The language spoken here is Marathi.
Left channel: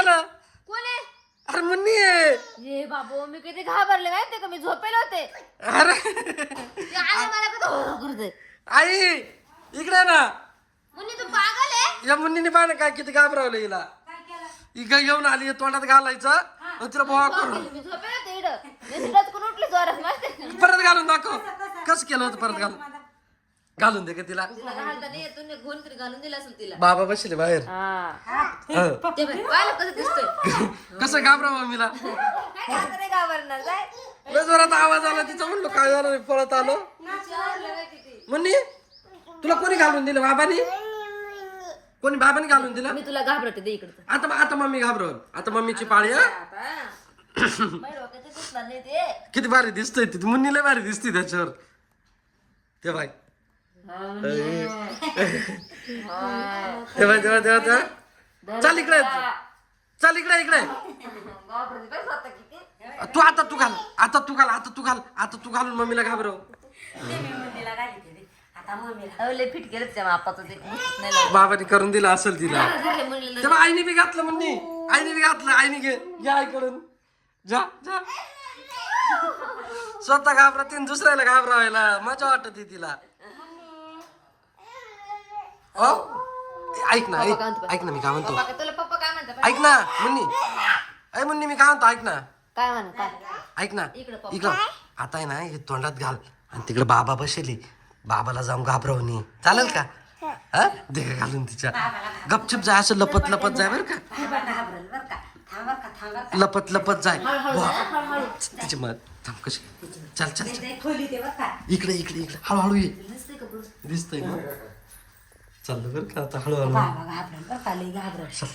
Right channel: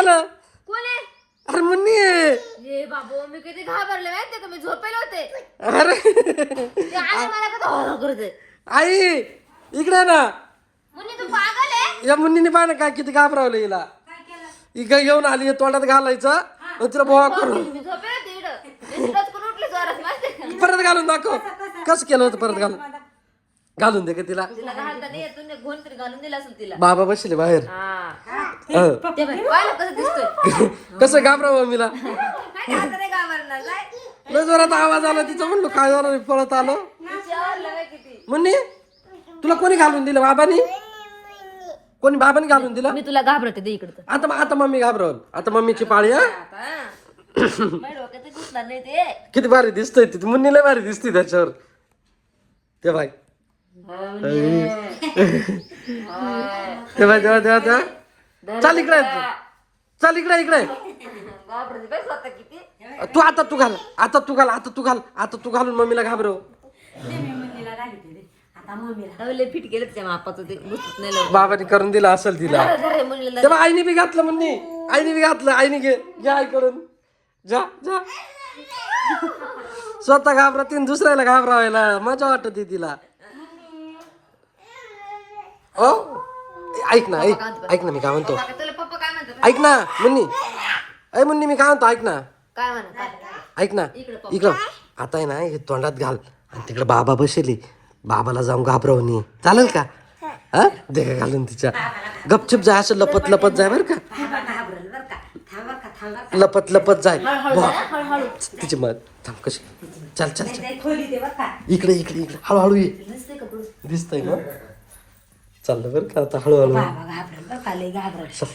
केलं कोण आहे? अरे मुन्नी हे बाबू मी किती घाबरले माहितीये का मी झोपेल होते अरे मला का करते आई इकडे ये ना मुन्नी तू पागल आहे या मुन्नीने पाहा ना काय किती घाबरवलं हिला इकडे घेऊन आली हे तोंडात घालायचं आणि तिला बोवा करून मी झोपेल होते इकडं मी तिलाच करून उठली जोरात माहिती परत घालून दाखव कसं केलं होतं परत घालून दे का तिला तुला कधी तुम्ही घोल तरी घालून दिला असेल तिला बाबा बसले बाहेर ते पाहिलं कसं दिसतोय कसं घाबरावं मीला काय आता नाही घाबरणार जाय लय जोरात आवाज आला तिचा म्हणलो काय झालं पळत आलो विचारलं काय किती मुन्नी तुला कोणी घालून दिलं बाबानी कोणी बाबांनी घालून दिलं मी तुला घाबरते दे इकडं आता मम्मी घाबरवल आता मम्मीची पाळी हा माझ्या डोक्यात दिसणार नाही ते किती भारी दिसतोय ती मुन्नी लय भारी दिसते त्याच्यावर ते बाय तेव्हा चाल इकडे चल इकडे घाबरते काय स्वतः किती तू घालून मम्मीला घाबरव लय फिट केलं त्याच्या मापाचं ते घुसत नाही लवकर. बाबाने करून दिलं असेल तिला घरे मुलीला तेव्हा आईने बी घातलं मुन्नी आईने बी घातलं आईने घ्या आईकडून जा स्वतः घाबरते दुसऱ्याला घाबरावायला मजा वाटते तिला हो ऐक ना मी काय म्हणतो तुला पप्पा काय म्हणतात ऐक ना मुन्नी मी काय म्हणतो ऐक ना काय म्हणत ऐक ना इकडं आता आहे ना हे तोंडात घाल आणि तिकडे बाबा बसेली बाबाला जाऊन घाबरवणी चालेल का हा दे का घालून तिच्या गपचूप जाय असं लपत जाय बर का लपत जाय तिची मत थांब कशी चल इकडे हळूहळू ये दिसतंय ना चाललं बरं का आता हळूहळू चल